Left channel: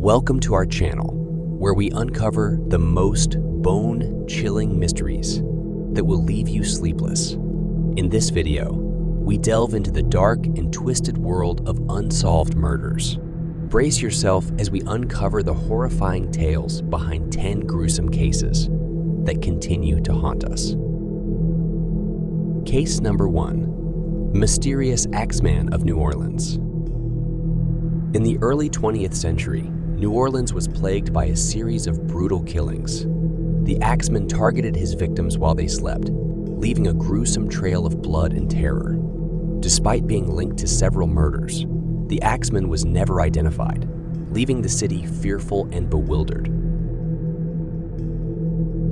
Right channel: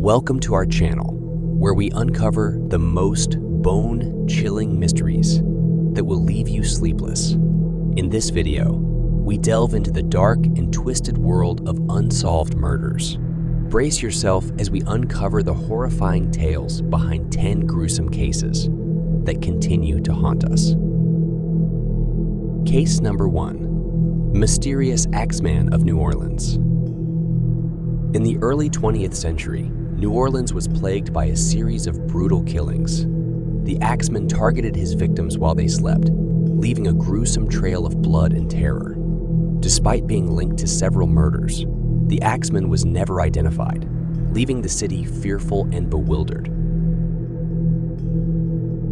Welcome to our channel, where we uncover the most bone-chilling mysteries that will leave you sleepless. In this video, we delve into the dark and twisted world of unsolved murders. Brace yourself as we uncover the horrifying tales behind 10 gruesome cases that continue to haunt us. Case number 1. Mysterious Axeman of New Orleans. In the early 20th century, New Orleans was plagued by a series of brutal killings. The Axeman targeted his victims while they slept, leaving a gruesome trail of blood and terror. Despite being linked to several murders, the Axeman was never identified, leaving the city fearful and bewildered.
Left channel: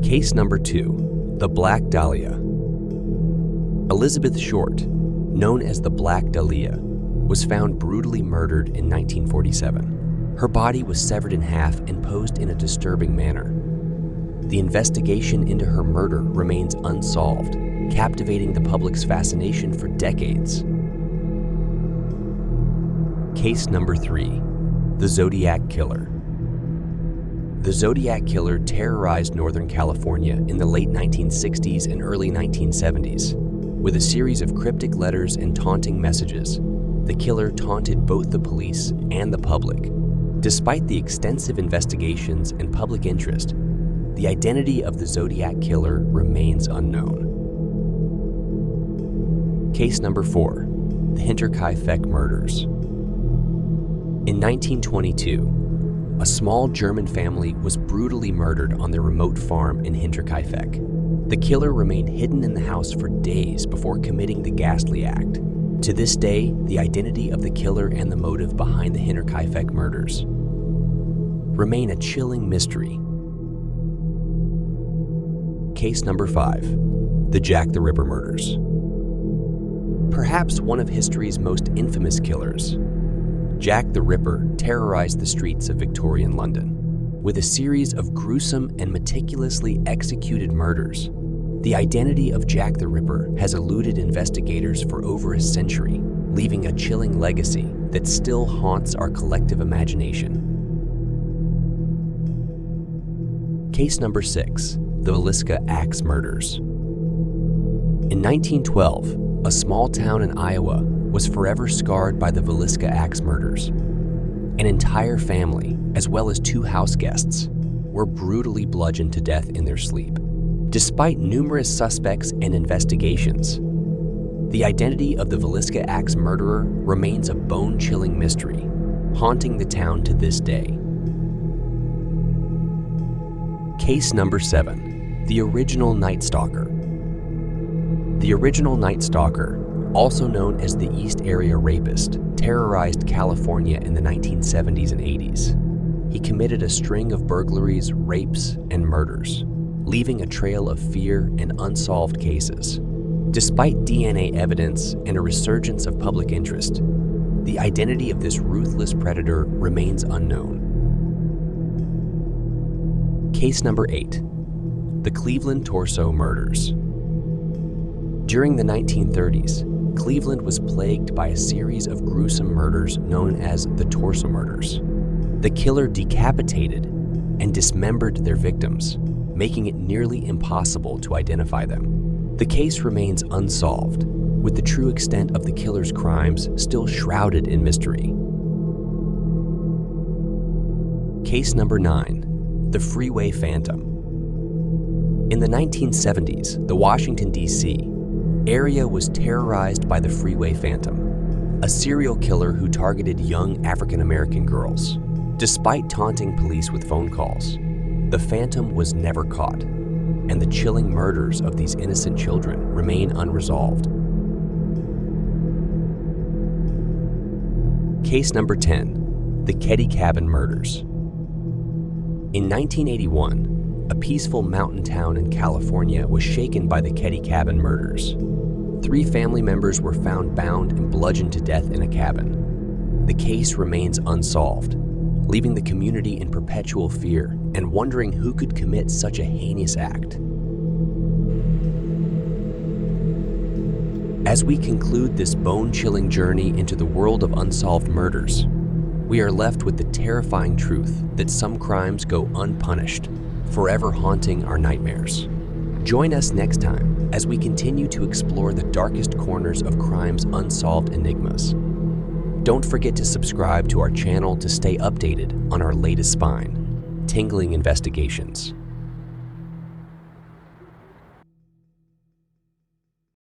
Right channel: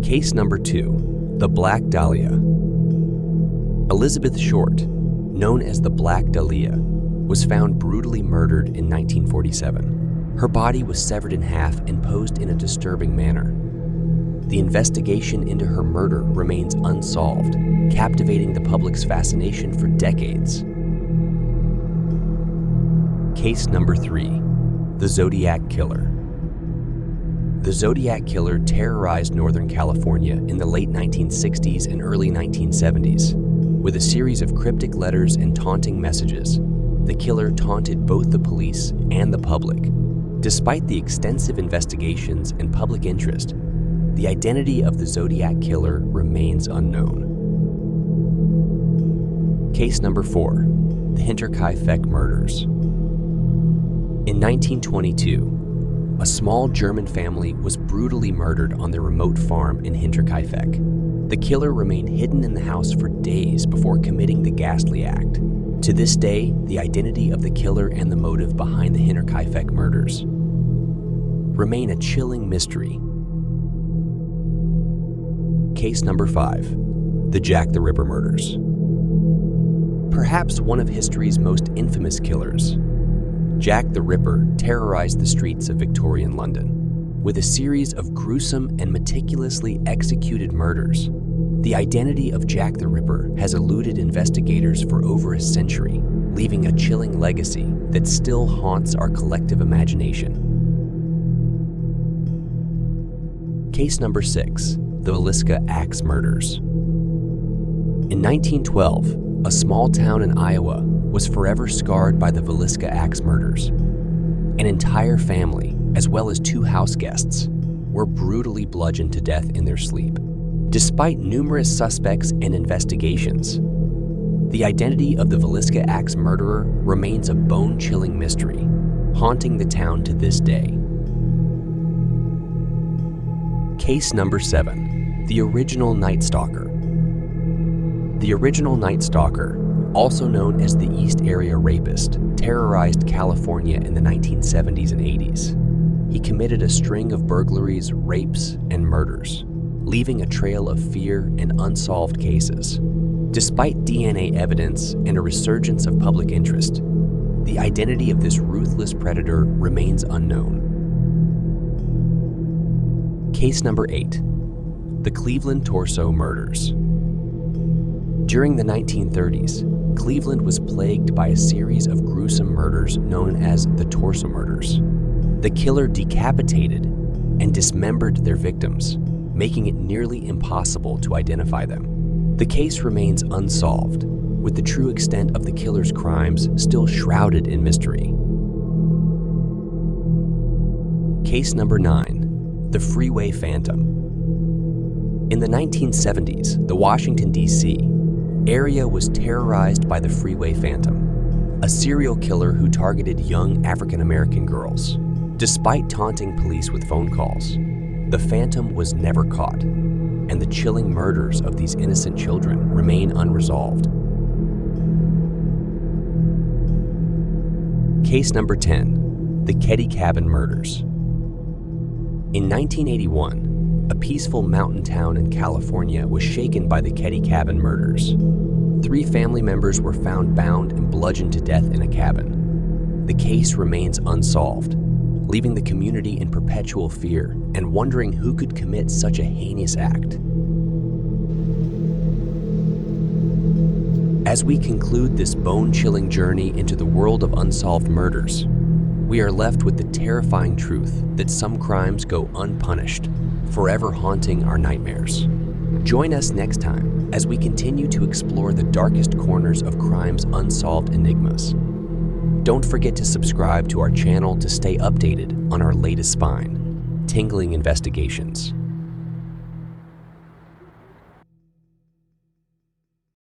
Case number 2. The Black Dahlia. Elizabeth Short, known as the Black Dahlia, was found brutally murdered in 1947. Her body was severed in half and posed in a disturbing manner. The investigation into her murder remains unsolved, captivating the public's fascination for decades. Case number 3. The Zodiac Killer. The Zodiac Killer terrorized Northern California in the late 1960s and early 1970s. With a series of cryptic letters and taunting messages, the killer taunted both the police and the public. Despite the extensive investigations and public interest, the identity of the Zodiac Killer remains unknown. Case number 4. The Hinterkaifeck Murders. In 1922, a small German family was brutally murdered on their remote farm in Hinterkaifeck. The killer remained hidden in the house for days before committing the ghastly act. To this day, the identity of the killer and the motive behind the Hinterkaifeck murders remain a chilling mystery. Case number 5. The Jack the Ripper Murders. Perhaps one of history's most infamous killers, Jack the Ripper terrorized the streets of Victorian London. With a series of gruesome and meticulously executed murders, the identity of Jack the Ripper has eluded investigators for over a century, leaving a chilling legacy that still haunts our collective imagination. Case number 6. The Villisca Axe Murders. In 1912, a small town in Iowa was forever scarred by the Villisca Axe murders. An entire family, as well as 2 house guests, were brutally bludgeoned to death in their sleep. Despite numerous suspects and investigations, the identity of the Villisca Axe murderer remains a bone-chilling mystery, haunting the town to this day. Case number 7. The Original Night Stalker. The Original Night Stalker, also known as the East Area Rapist, terrorized California in the 1970s and 80s. He committed a string of burglaries, rapes, and murders, leaving a trail of fear and unsolved cases. Despite DNA evidence and a resurgence of public interest, the identity of this ruthless predator remains unknown. Case number 8. The Cleveland Torso Murders. During the 1930s, Cleveland was plagued by a series of gruesome murders known as the Torso Murders. The killer decapitated and dismembered their victims, making it nearly impossible to identify them. The case remains unsolved, with the true extent of the killer's crimes still shrouded in mystery. Case number 9. The Freeway Phantom. In the 1970s, the Washington, D.C. area was terrorized by the Freeway Phantom, a serial killer who targeted young African-American girls. Despite taunting police with phone calls, the Phantom was never caught, and the chilling murders of these innocent children remain unresolved. Case number 10. The Keddie Cabin Murders. In 1981, a peaceful mountain town in California was shaken by the Keddie Cabin murders. 3 family members were found bound and bludgeoned to death in a cabin. The case remains unsolved, leaving the community in perpetual fear and wondering who could commit such a heinous act. As we conclude this bone-chilling journey into the world of unsolved murders, we are left with the terrifying truth that some crimes go unpunished, forever haunting our nightmares. Join us next time as we continue to explore the darkest corners of crime's unsolved enigmas. Don't forget to subscribe to our channel to stay updated on our latest spine, tingling investigations.